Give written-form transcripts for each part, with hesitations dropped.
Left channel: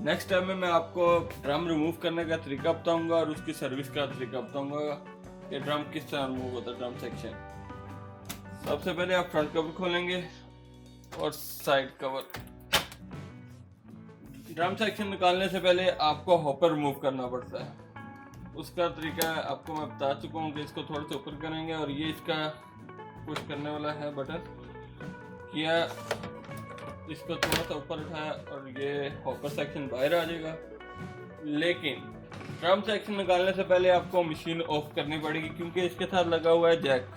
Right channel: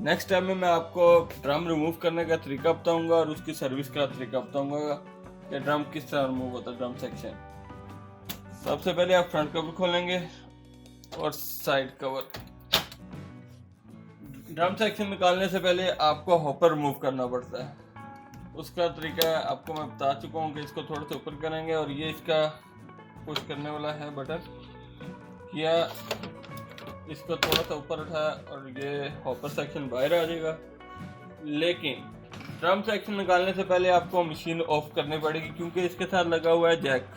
Next time में मैं आपको ड्रम रिमूव करने का तरीका बताऊंगा और उसकी सर्विस का तरीका बताऊंगा कि ड्रम किस तरह रिमूव होता है, ड्रम सेक्शन। सबसे पहले आप फ्रंट कवर खोलेंगे और साइड कवर। ड्रम सेक्शन निकालने से पहले आपको हॉपर रिमूव करना पड़ता है। उसका तरीका आपको मैं बता चुका हूँ कि इसको थोड़ा सा ऊपर करेंगे और ये इसका पुश करने वाला है बटन, किया इसको थोड़ा सा ऊपर उठाया और ये हॉपर सेक्शन बाहर आ जाएगा। लेकिन ड्रम सेक्शन निकालने से पहले आपको मशीन ऑफ करनी पड़ेगी क्योंकि इसके साथ लगा हुआ है जैक।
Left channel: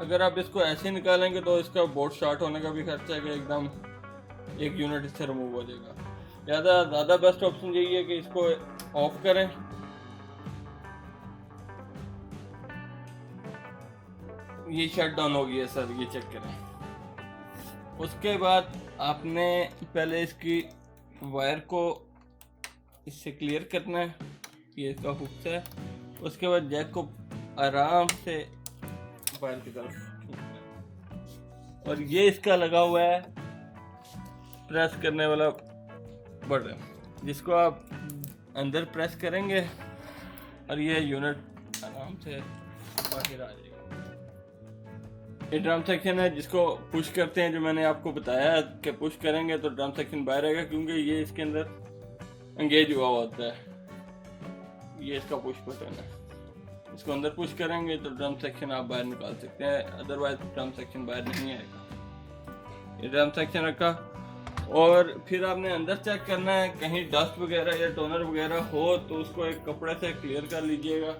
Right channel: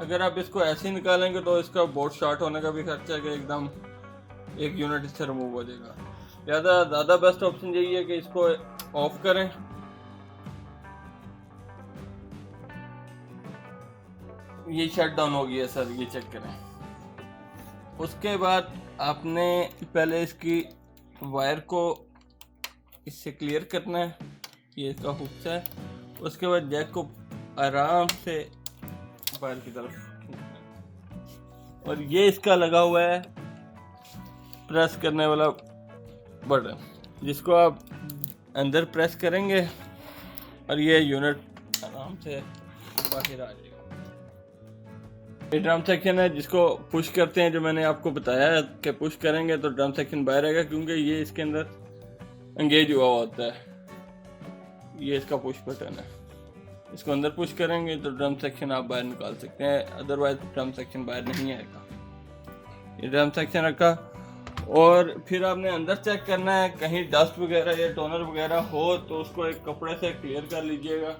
अगर आप इसको ऐसे ही निकालेंगे तो इसका बोर्ड स्टार्ट होने का भी खर्चा है कि एकदम एक यूनिट इससे रिमूव हो जाएगा। ज़्यादा बेस्ट ऑप्शन यही है कि इसको ऑफ करें। ये शट डाउन हो गया सर, ये चेक करें। उसके बाद आपने पहले इसकी वायर को इससे क्लियर करना है, ये इसका हुक है। उसके बाद जैक को आराम से वायर की तरफ खींचना है और ये इसका लगा हुआ है प्रेस करने वाला बटन, जिसको आप अंदर प्रेस करेंगे और ये यूनिट आराम से बाहर आ जाएगा। ये ड्रम सेक्शन है जिसको पुश करते हैं, जो मैंने आपको बताया है कि पुश करेंगे तो ड्रम सेक्शन बाहर आएगा क्योंकि ये इसके अंदर एंगेज हुआ होता है। ये इसका पुश बटन है, इसको अंदर पुश करेंगे तो ड्रम सेक्शन आप बाहर निकाल सकते हैं, अदरवाइज ड्रम सेक्शन बाहर नहीं आएगा। ये ड्रम सेक्शन रखा और फिर आपने अंदर चेक करना है, कहीं डस्ट वगैरह या टोनर वगैरह हो तो उसको एक कपड़े से क्लियर कर लीजिएगा।